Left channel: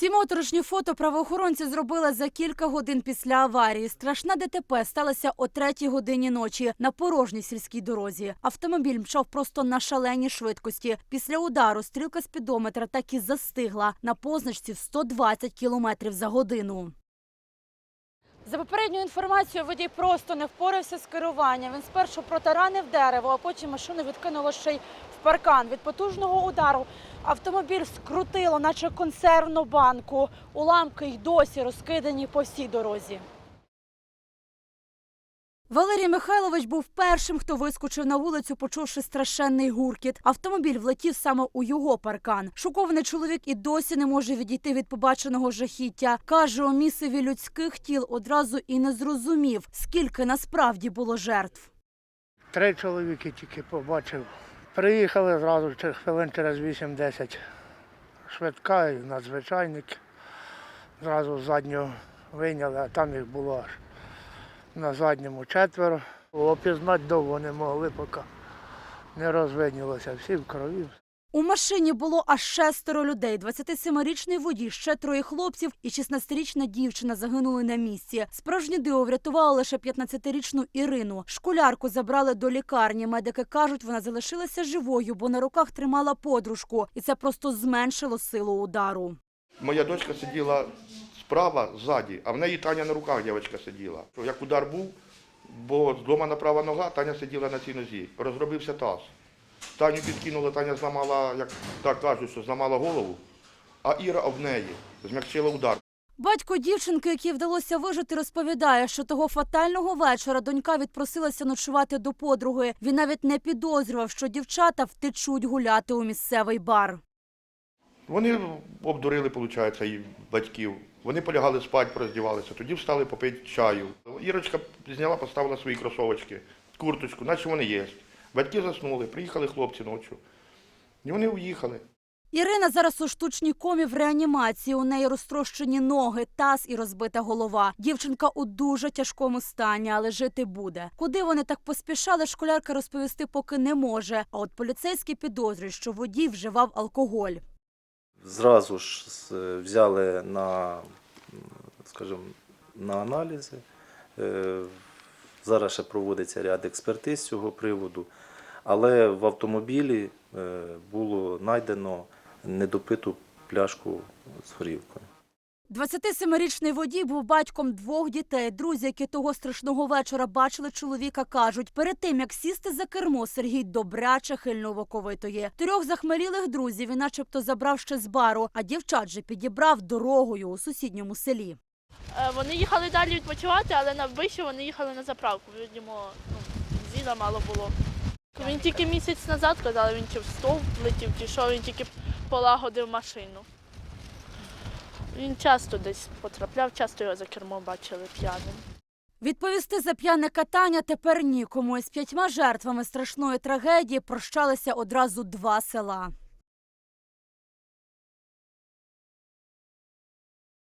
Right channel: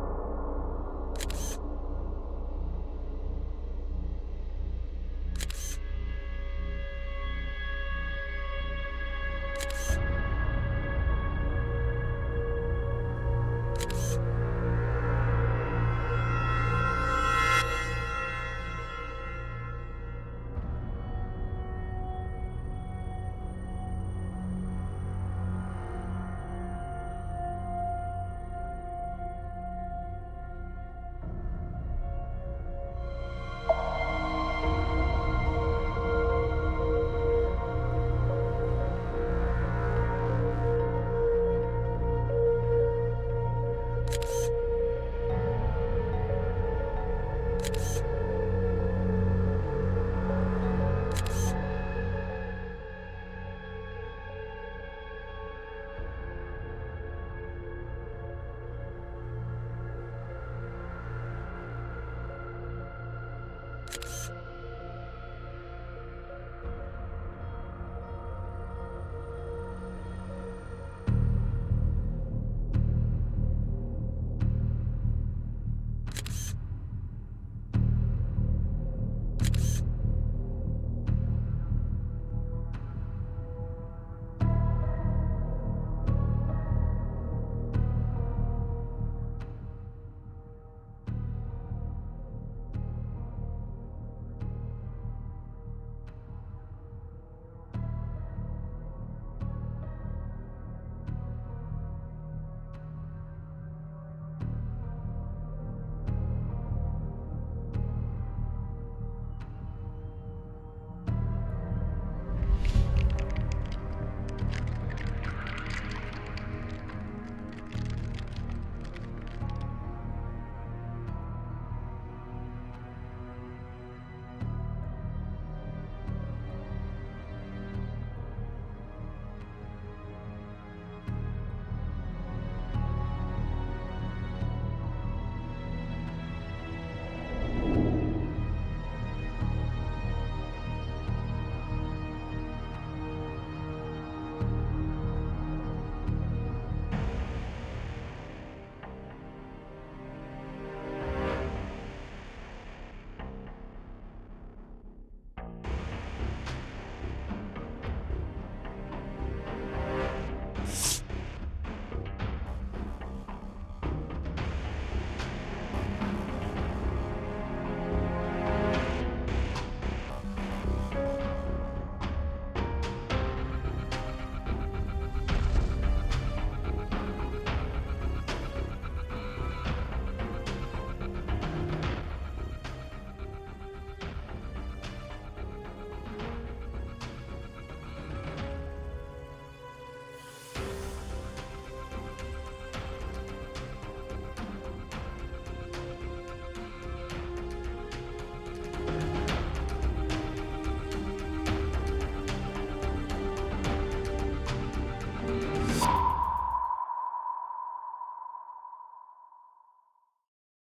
Ці моторошні фото правоохоронці зробили за кілька годин після аварії. Страшна ДТП сталася о третій годині ночі на порожній сільській дорозі. Автомобіль мчав просто на шаленій швидкості. Після удару стрілка спідометра так і застигла на позначці в 120 км за годину. За попередньою інформацією, водій просто не впорався з керуванням. Він спершу протаранив дерево, а потім машину відкинуло ще й в паркан. Від потужного удару автомобіль скрутило, наче консервну банку. Уламки й досі розкидані по всій дорозі. Валерій Михайлович був першим, хто вискочив на вулицю, почувши страшенний гуркіт. Автомобіль влетів саме у його паркан. Шокований чоловік і досі не може відійти від побаченого жахіття. Каже, у місцеві людських тіл одразу і не зрозумів, скільки насправді було жертв. Три чоловіки тільки побачив. Приїхали через хвилин через 8-10. Швидка і надзвичайник. Зразу з заднього вийняли, а там їх було аж на задньому четверо. Опізнати довго не могли, поки не розвиднілося. Всі в крові. У машині було аж шестеро людей: 27-річний водій, ще троє хлопців і 16-річна дівчина загинули на місці. Справжнє диво врятувало лише 15-річну Ірину. Школярку забрали до лікарні. Медики кажуть, вона залишилася живою, бо на руках тримала подружку, і це просто зменшило силу удару. Моя дочка сиділа справа ззаді, а в неї Таня на руках дівчинка сиділа. Як удар був, бо зломана права нога, Таня сиділа на цій нозі. Розробився таз. Таню підкинула, Таня зламала, як так кажуть, що зламала голову, а Іра об неї змягчила удар. Батько дівчинки, якій вдалося вижити, розповідає, що того фатального вечора донька відпросилася ночувати до подруги. Він навіть не підозрював, що дівчата втечуть гуляти у місцевий бар. Вони обдурили, виходить, і батьків. Вони полягали спати, роздівалися, тоді встали попити чаю. Ірочка зняла, поставила свої кросовочки, курточку, наче вони є. Батьки заснули, приїхали хлопці ночі. І вони уїхали. Ірина зараз у штучній комі в реанімації. У неї розтрощені ноги, таз і розбита голова. Дівчинка у дуже тяжкому стані, але жити буде. Куди вони так поспішали, школярка розповісти поки не може. А от поліцейські підозрюють, що водій вживав алкоголь. Зразу ж взяли на, скажімо, на аналізи. Е, Зараз ще проводиться ряд експертиз з цього приводу, але в автомобілі е, було знайдено недопиту пляшку з горілкою. 27-річний водій був батьком двох дітей. Друзі, які того страшного вечора бачили чоловіка, кажуть, перед тим як сісти за кермо, Сергій добряче хильно воковитої. Трьох захмелілих друзів він начебто забрав ще з бару, а дівчат же підібрав дорогою у сусідньому селі. Е, Вони їхали далі відпочивати, але на вбивчі вони їхали на заправку. Видимо, зіна мало було. Він тільки місяць назад казали, він чи в стовп летів, чи що, він тільки полагодив машину. Він часто десь потрапляв, часто його за кермо бачили п'яним. Відповісти за п'яне катання тепер нікому. З п'ятьма жертвами страшної трагедії прощалися одразу два села.